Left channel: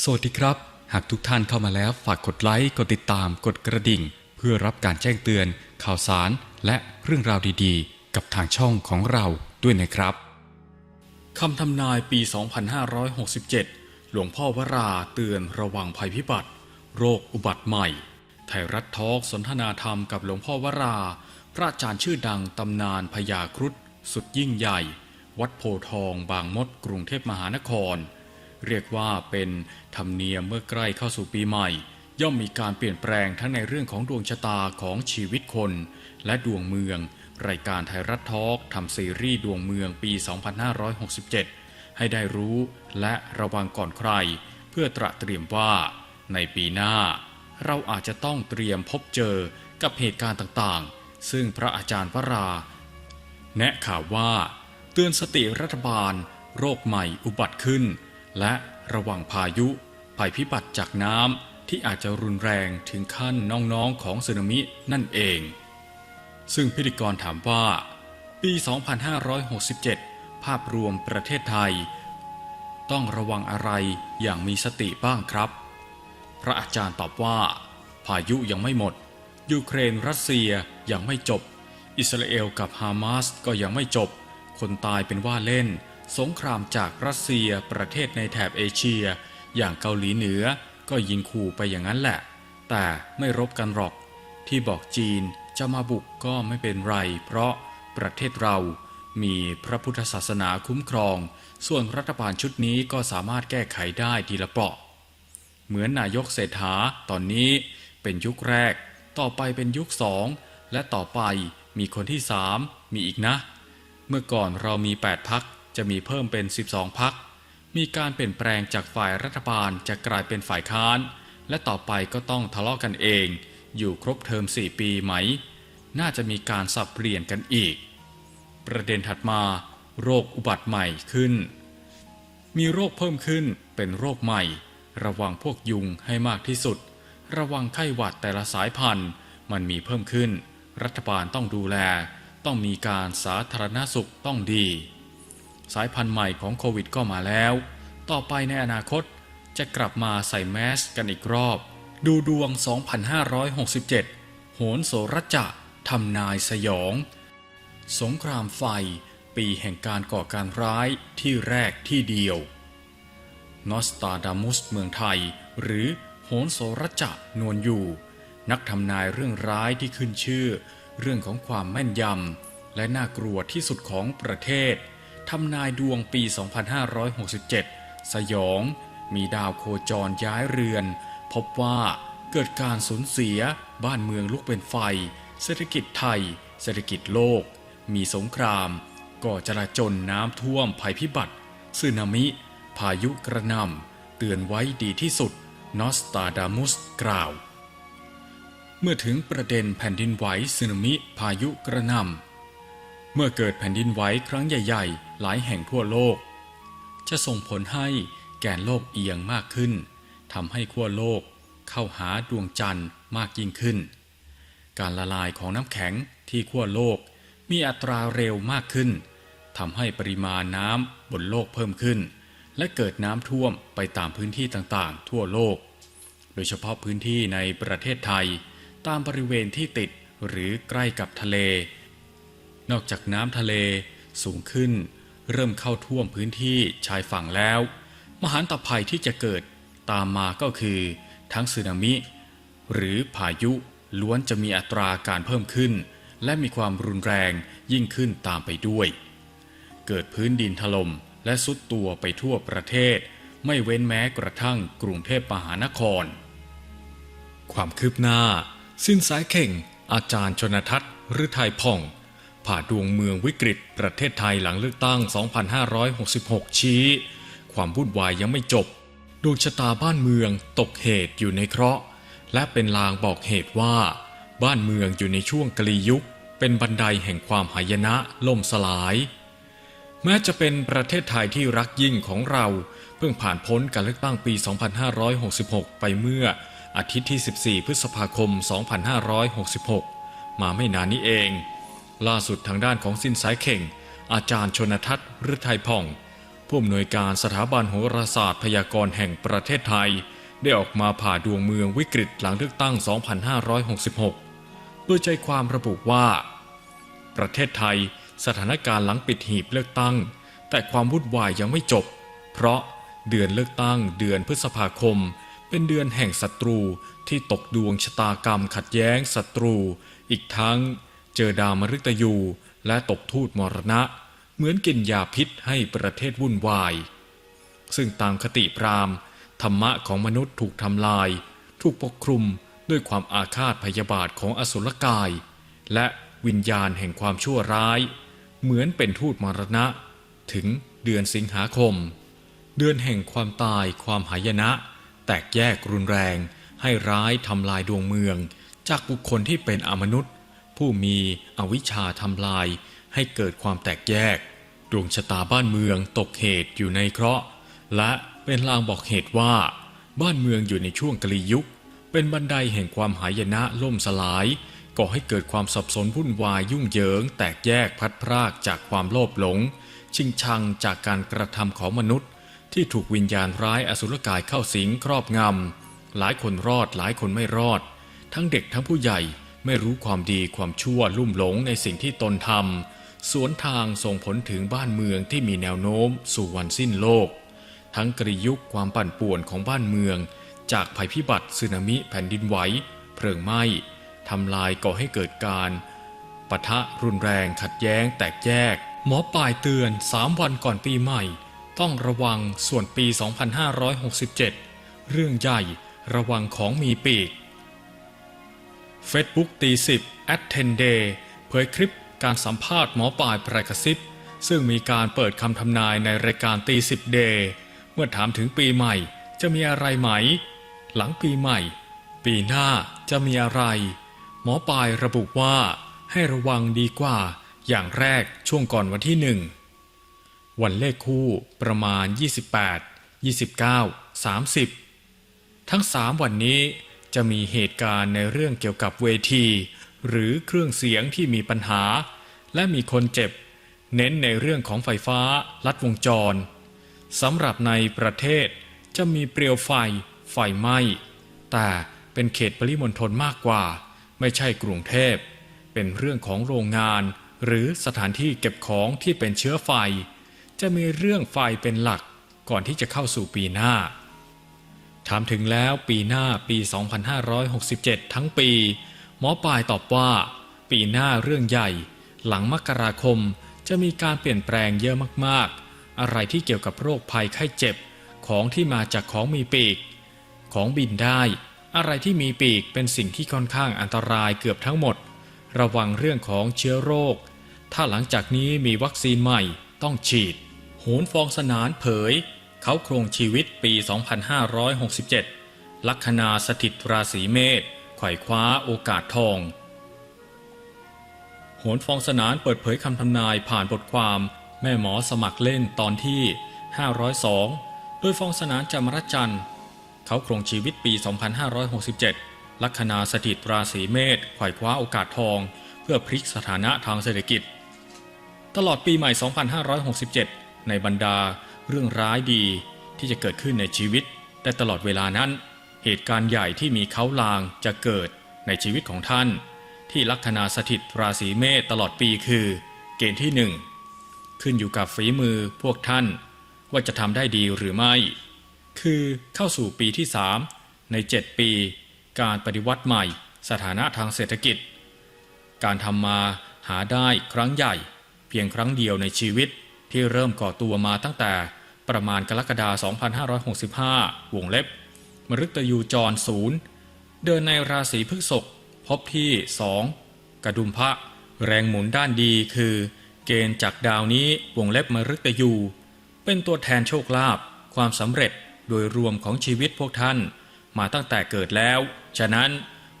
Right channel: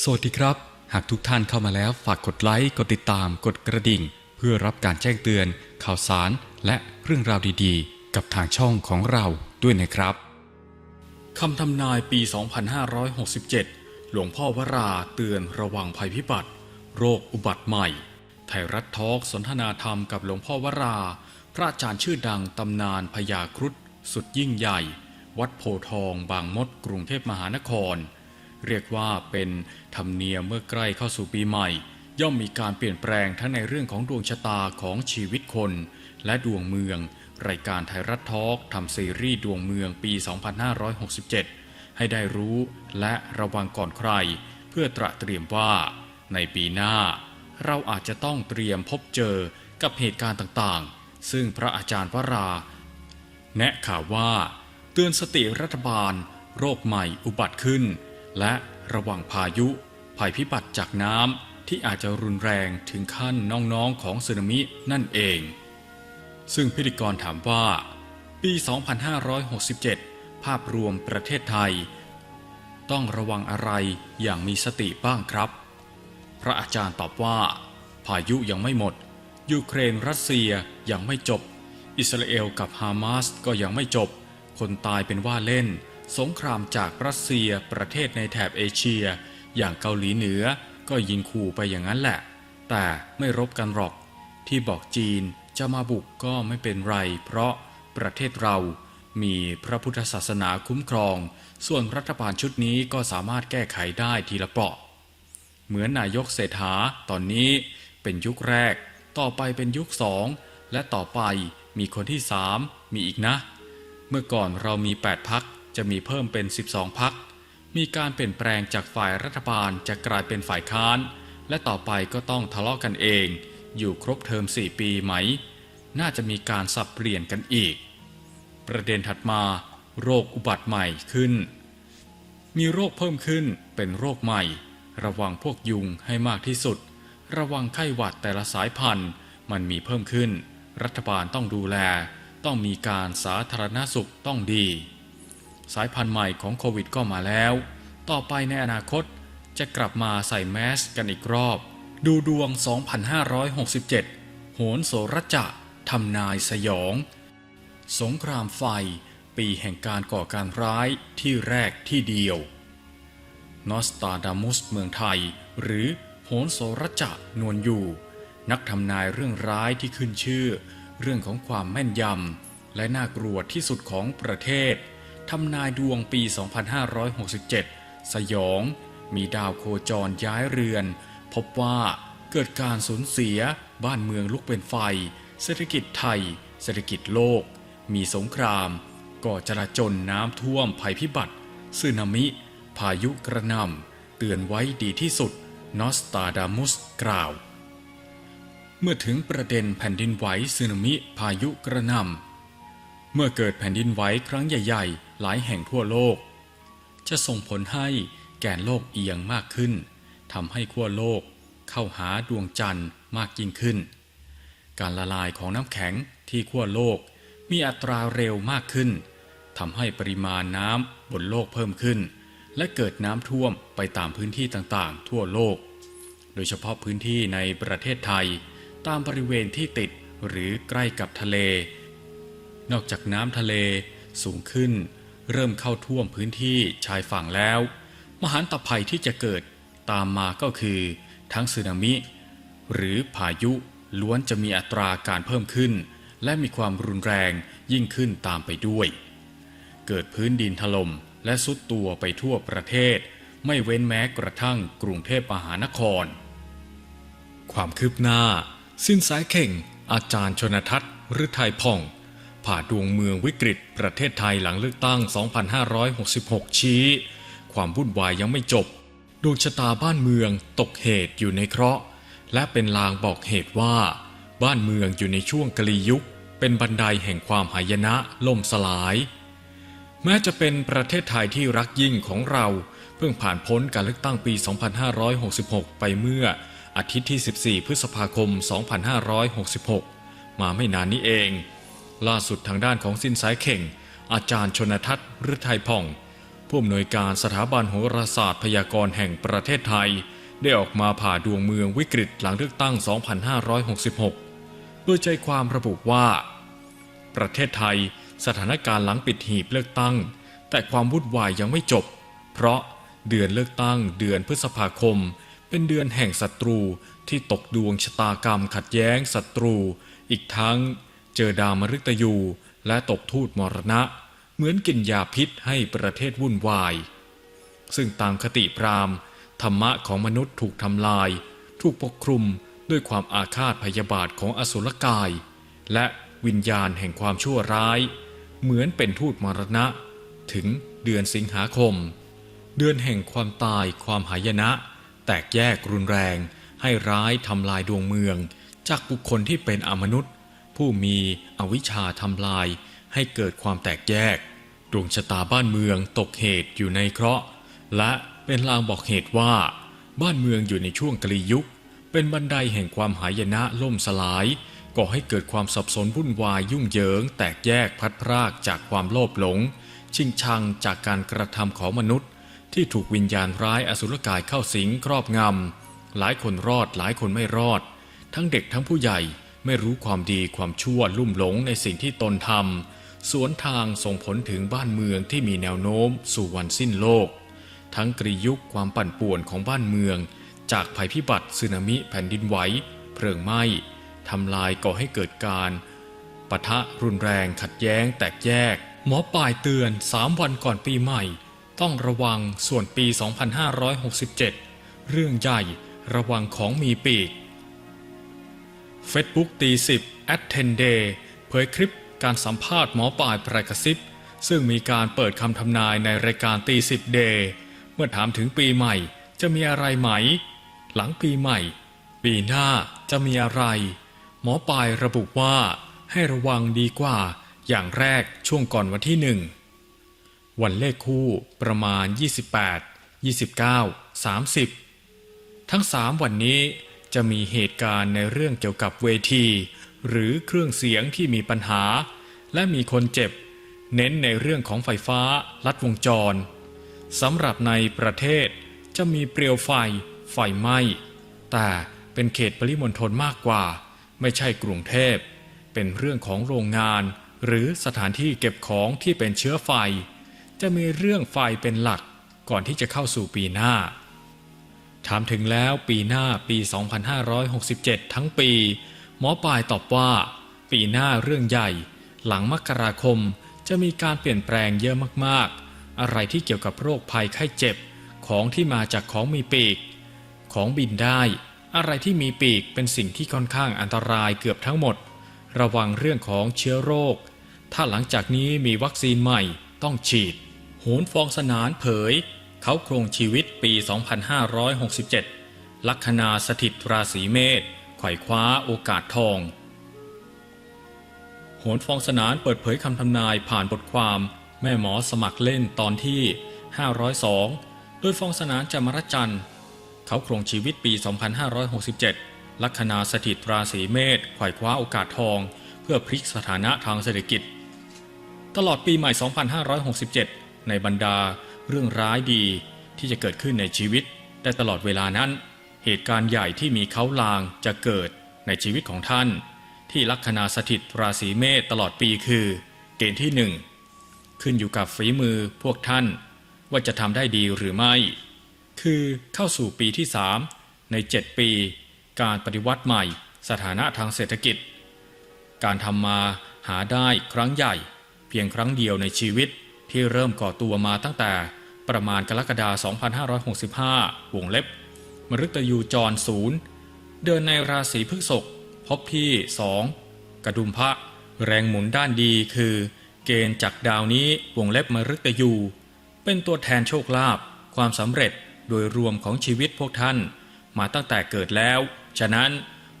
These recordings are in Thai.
สวัสดีครับ หากทุกท่านเข้ามาแล้วฝากกดไลค์ กดติดตาม กดกระดิ่ง เพื่อรับการแจ้งเตือน ข่าวสาร และเรื่องราวดีๆ กับทางช่องของเราด้วยนะครับคำทำนายปี 2567 หลวงพ่อวราเตือนระวังภัยพิบัติ โรคอุบัติใหม่ ไทยรัฐทอล์กสนทนาธรรมกับหลวงพ่อวรา พระอาจารย์ชื่อดังตำนานพญาครุฑสุดยิ่งใหญ่ วัดโพธิ์ทองบางมดกรุงเทพมหานคร เรียกว่าเป็นธรรมเนียมเมื่อใกล้เข้าสู่ปีใหม่ ย่อมมีการเปลี่ยนแปลงทั้งในเรื่องของดวงชะตาของชีวิตคน และดวงเมือง รายการไทยรัฐทอล์กทำซีรีส์ดวงเมืองปี 2567 ให้ได้รู้และระวังก่อนใคร เพื่อตระเตรียมว่า ในปีหน้า เราอาจจะต้องเตรียมพบเจอกับเหตุการณ์ต่างๆ ซึ่งพระอาจารย์วรา แนะข่าวว่า เตือนสติรัฐบาล โรคใหม่อุบัติขึ้น และระวังพายุ ภัยพิบัติจากน้ำที่อาจจะรุนแรงถึงขั้นน้องๆของสึนามินั่นเอง ซึ่งพิธีกรถามว่า ปี 2567 ภาพรวมประเทศไทย ต้องระวังอะไรอย่างมีสติบ้างครับ พระอาจารย์ตอบว่า พายุยังไม่หมด ยูเครนรัสเซียยังไม่จบ อิสราเอลกับฮามาสก็ยังไม่จบ คนตายเป็นว่าเล่น สงครามจากรัสเซียประเทศในแถบเอเชีย อย่างเกาหลีเหนือก็ยิงขู่ไปอย่างนั้นแหละ แต่ไม่รบกันหรอก ที่บอกจีนจะมาบุกก็ไม่เป็นไร เพราะประเทศเรามีพระพุทธศาสนาคุ้มครอง ส่วนรัฐบาลชุดนี้ก็สามารถแก้ไขได้ทีละเปราะ เหมือนนายกเศรษฐาตอนนี้เป็นยุคแรก ต่อไปเป็นยุคสอง และต่อไปมีคนที่สามมีอีกนะ เมื่อก่อนเรามี 8 พัก จะมีเพิ่มเป็น 12 พัก มีการเปลี่ยนแปลงจากฝ่ายรัฐบาลจะกลายเป็นฝ่ายค้าน และต่อไปก็ต้องทะเลาะกันเอง อยู่ครบเทอม 4 ปีไหม น่าจะมีการสับเปลี่ยนกันอีก ประเด็นถัดมา โรคอุบัติใหม่ขึ้น มีโรคเพิ่มขึ้นเป็นโรคใหม่ ระวังพวกยุงให้มากที่สุด ระวังไข้หวัดแต่ละสายพันธุ์ มันมีเพิ่มขึ้น รัฐบาลต้องดูแล ต้องมีการสาธารณสุขต้องดี สายพันธุ์ใหม่ของโควิดก็มาแล้ว ต่อไปในอนาคตจะกลับมาใส่แมสกันอีกรอบ ดูดวง 2567 โหนโสรจะทำนายสยอง สงครามไฟ ปีแห่งการก่อการร้ายที่แรกที่เดียวนอสตาดามุสเมืองไทย หรือโหนโสรจะนวลอยู่ นักทำนายเรื่องร้ายที่ขึ้นชื่อ เรื่องของความแม่นยำและน่ากลัวที่สุดของประเทศ ทำนายดวงปี 2567 สยอง มีดาวโคจรย้ายเรือน พบว่าเกิดการสูญเสียบ้านเมืองลุกเป็นไฟ เศรษฐกิจไทย เศรษฐกิจโลก มีสงคราม ก่อจราจนน้ำท่วมภัยพิบัติสึนามิ พายุกระหนำเตือนไว้ดีที่สุด นอสตาดามุสกล่าว เมื่อถึงประเด็นแผ่นดินไหวสึนามิ พายุกระหนำ เมื่อเกิดแผ่นดินไหวครั้งใหญ่ ๆ หลายแห่งทั่วโลก จะส่งผลให้แกนโลกเอียงมากขึ้นทำให้ขั้วโลกเข้าหาดวงจันทร์มากยิ่งขึ้น การละลายของน้ำแข็งที่ขั้วโลกมีอัตราเร็วมากขึ้นทำให้ปริมาณน้ำบนโลกเพิ่มขึ้น และเกิดน้ำท่วมไปตามพื้นที่ต่างๆ ทั่วโลก โดยเฉพาะพื้นที่ในประเทศไทย ตามบริเวณที่ติดหรือใกล้กับทะเล นอกจากน้ำทะเลสูงขึ้น เริ่มเข้าท่วมพื้นที่ชายฝั่งแล้ว มหันตภัยที่จะเกิดตามมาก็คือ ทั้งสึนามิ หรือพายุล้วนจะมีอัตราการเพิ่มขึ้น และมีความรุนแรงยิ่งขึ้นตามไปด้วย เกิดพื้นดินถล่มและสุดตัวไปทั่วประเทศ ไม่เว้นแม้กระทั่งกรุงเทพมหานคร ความคืบหน้า สิ้นสายเข่ง อาจารย์ชนทัศน์หรือไทยพ่อง ผ่าดวงเมืองวิกฤตประเทศไทยหลังเลือกตั้ง 2566 ชี้ ความวุ่นวายยังไม่จบ ดวงชะตาบ้านเมืองตกเหตุอยู่ในเคราะห์ และเป็นลางบอกเหตุว่า บ้านเมืองอยู่ในช่วงกลียุค เป็นบันไดแห่งความหายนะล่มสลาย แม้จะเป็นประเทศไทยที่รักยิ่งของเรา เพิ่งผ่านพ้นการเลือกตั้งปี 2566 ไปเมื่ออาทิตย์ที่ 14 พฤษภาคม 2566 มาไม่นานนี้เอง ล่าสุดทางด้านของสินสายเข่ง อาจารย์ชนทัศน์ฤทัยพ่อง ผู้อำนวยการสถาบันโหราศาสตร์พยากรณ์แห่งประเทศไทย ได้ออกมาผ่าดวงเมืองวิกฤตหลังเลือกตั้ง 2566โดยใจความระบุว่า ประเทศไทยสถานการณ์หลังปิดหีบเลือกตั้ง แต่ความวุ่นวายยังไม่จบ เพราะเดือนเลือกตั้งเดือนพฤษภาคม เป็นเดือนแห่งศัตรูที่ตกดวงชะตากรรมขัดแย้งศัตรู อีกทั้ง เจอดาวมฤตยูและตกทูตมรณะ เหมือนกินยาพิษให้ประเทศวุ่นวาย ซึ่งตามคติพราหมณ์ ธรรมะของมนุษย์ถูกทำลาย ถูกปกคลุมด้วยความอาฆาตพยาบาทของอสุรกาย และวิญญาณแห่งความชั่วร้าย เหมือนเป็นทูตมรณะ ถึงเดือนสิงหาคม เดือนแห่งความตายความหายนะ แตกแยกรุนแรง ให้ร้ายทำลายดวงเมือง จากบุคคลที่เป็นอมนุษย์ ผู้มีอวิชชาทำลายให้เกิดความแตกแยก ดวงชะตาบ้านเมืองตกเหตุอยู่ในเคราะห์ และเป็นลางบอกเหตุว่า บ้านเมืองอยู่ในช่วงกลียุค เป็นบันไดแห่งความหายนะล่มสลายก่อให้เกิดความสับสนวุ่นวายยุ่งเหยิง แตกแยกพัดพรากจากความโลภหลง ชิงชังจากการกระทำของมนุษย์ ที่ถูกวิญญาณร้ายอสุรกายเข้าสิงครอบงำหลายคนรอดหลายคนไม่รอด ทั้งเด็กทั้งผู้ใหญ่ ไม่รู้ความดีความชั่วลุ่มหลงในสิ่งที่ตนทำสวนทางส่งผลถึงบ้านเมืองที่มีแนวโน้มสู่วันสิ้นโลก ทั้งกรียุคความปั่นป่วนของบ้านเมือง จากภัยพิบัติสึนามิแผ่นดินไหวเพลิงไหม้ทำลายก่อให้เกิดการปะทะรุนแรงขัดแย้งแตกแยก หมอป่ายเตือน 3 วันก่อนปีใหม่ ต้องระวังส่วนปี 2567 เรื่องใหญ่ระวังของมีปีก Facebook ตีสิบ at 10 day เผยคลิปการสัมภาษณ์หมอป่ายประกระซิบซึ่งมีการเปิดคำทำนายในรายการตีสิบเดย์เมื่อถามถึงปีใหม่จะมีอะไรไหม หลังปีใหม่ ปีหน้าจะมีอะไร หมอปลายระบุว่าให้ระวังดีกว่า อย่างแรกช่วงก่อนวันที่หนึ่งวันเลขคู่ประมาณ 28 29 30 ทั้งสามวันนี้ จะมีเหตุการณ์ในเรื่องเกี่ยวกับเวที หรือเครื่องเสียงที่มีปัญหา และมีคนเจ็บ เน้นในเรื่องของไฟฟ้าลัดวงจรสำหรับในประเทศจะมีเปลวไฟ ไฟไหม้ แต่เป็นเขตปริมณฑลมากกว่า ไม่ใช่กรุงเทพ เป็นเรื่องของโรงงาน หรือสถานที่เก็บของที่เป็นเชื้อไฟ จะมีเรื่องไฟเป็นหลักก่อนที่จะเข้าสู่ปีหน้า ถามถึงแล้วปีหน้าปี 2567 ทั้งปี หมอปลายตอบว่า ปีหน้าเรื่องใหญ่ หลังมกราคมจะมีการเปลี่ยนแปลงเยอะมากๆ อะไรที่เกี่ยวกับโรคภัยไข้เจ็บ ของที่มาจากของมีปีก ของบินได้ อะไรที่มีปีกเป็นสิ่งที่ค่อนข้างอันตรายเกือบทั้งหมด ระวังเรื่องของเชื้อโรค ถ้าหลังจากนี้มีวัคซีนใหม่ต้องฉีดโหนฟองสนานเผย เขาครงชีวิตปี 2567 ลัคนาสถิตราศีเมษไขว่คว้าโอกาสทอง โหนฟองสนานเปิดเผยคำทำนายผ่านบทความ แม่หมอสมัครเล่นตอนที่ 502 โดยฟองสนานจามรจันทร์ เขาครงชีวิตปี 2567 ลัคนาสถิตราศีเมษไขว่คว้าโอกาสทอง เพื่อพลิกสถานะทางเศรษฐกิจ ตลอดปีใหม่ 2567 ในบรรดา เรื่องร้ายดีที่จะเกิดขึ้นในชีวิต แต่ตลอดเวลานั้น เหตุการณ์ใหญ่ที่มีเขาลางจะเกิดในชีวิตของท่าน ที่ลัคนาสถิตราศีเมษตลอดปีคือ เกณฑ์ที่หนึ่งขึ้นอยู่กับฝีมือพวกท่าน ว่าจะทำได้ดีหรือไม่ คือเข้าสู่ปีที่3ใน 7 ปี การปฏิวัติใหม่ สถานะทางเศรษฐกิจ การทำมาหาได้ครั้งใหญ่ เพียงครั้งเดียวในชีวิตที่เริ่มก่อตัวมาตั้งแต่ ประมาณกรกฎาคม2565 วงเล็บ มฤตยูจรศูนย์เดินในราศีพฤษภพบที่ 2 กระดุมพระ แรงหมุนด้านดีคือ เกณฑ์จากดาวนี้วงเล็บมฤตยู เป็นตัวแทนโชคลาภความสำเร็จโดยรวมของชีวิตพวกท่าน มาตั้งแต่เกิดแล้ว ฉะนั้น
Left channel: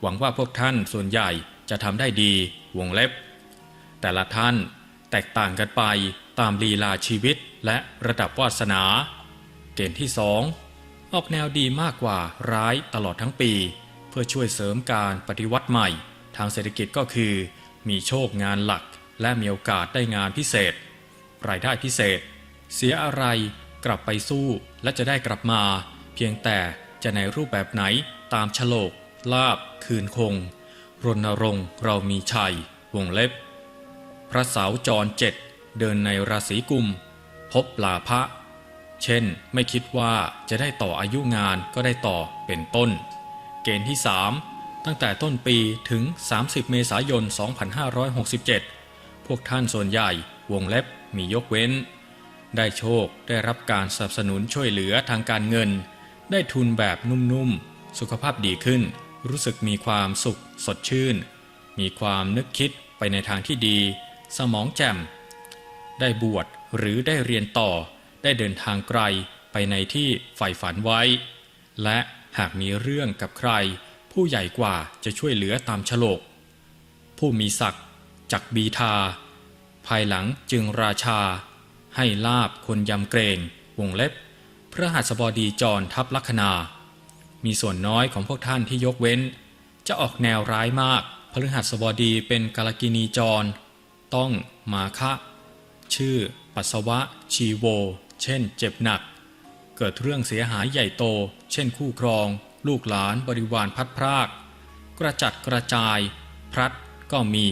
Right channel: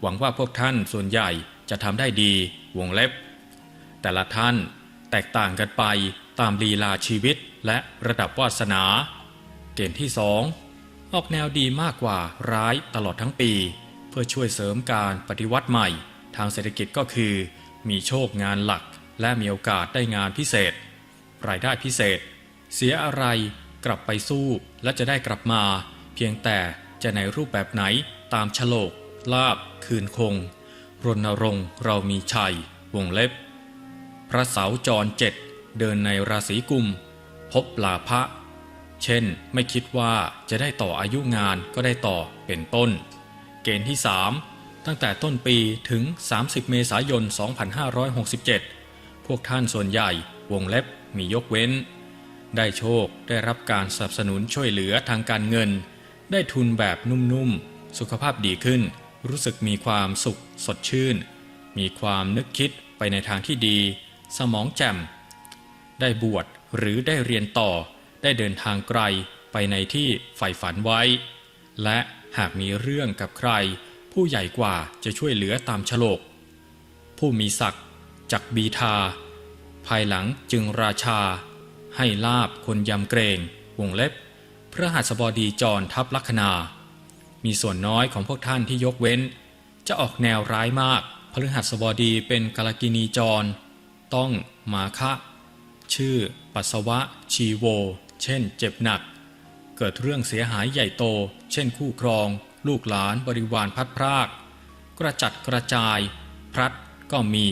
หวังว่าพวกท่านส่วนใหญ่จะทำได้ดีวงเล็บ แต่ละท่านแตกต่างกันไป ตามลีลาชีวิตและระดับวาสนา เกณฑ์ที่สองออกแนวดีมากกว่าร้ายตลอดทั้งปี เพื่อช่วยเสริมการปฏิวัติใหม่ ทางเศรษฐกิจก็คือ มีโชคงานหลัก และมีโอกาสได้งานพิเศษ รายได้พิเศษ เสียอะไรกลับไปสู้และจะได้กลับมา เพียงแต่จะในรูปแบบไหนตามฉลก ลาบ คืนคง รณรงค์เรามีชัยวงเล็บ พระเสาจรเจ็ด เดินในราศีกุม พบลาภะเช่น ไม่คิดว่าจะได้ต่ออายุงานก็ได้ต่อเป็นต้น เกณฑ์ที่ 3 ตั้งแต่ต้นปีถึง 30 เมษายน 2567 พวกท่านส่วนใหญ่วงเล็บมียกเว้น ได้โชคได้รับการสนับสนุนช่วยเหลือทางการเงิน ได้ทุนแบบนุ่มๆ สุขภาพดีขึ้น รู้สึกมีความสุขสดชื่น มีความนึกคิดไปในทางที่ดี สมองแจ่ม ได้บวชหรือได้เรียนต่อ ได้เดินทางไกลไปในที่ใฝ่ฝันไว้ และหากมีเรื่องกับใคร ผู้ใหญ่กว่าจะช่วยเหลือตามฉลก ผู้มีศักดิ์จักบีทา ภายหลังจึงราชา ให้ลาบคนยำเกรงวงเล็บ พระหัสบดีจรทับลัคนา มีส่วนน้อยของพวกท่านที่ยกเว้น จะออกแนวร้ายมากพฤหัสบดีเป็นกาลกินีจร ต้องมาคะ ชื่อ ปัสสาวะ ชีโว เช่น เจ็บหนัก เกิดเรื่องเสียหายใหญ่โต เช่นคู่ครอง ลูกหลานบริวารพัดพราก กระจัดกระจาย พลัดก็มี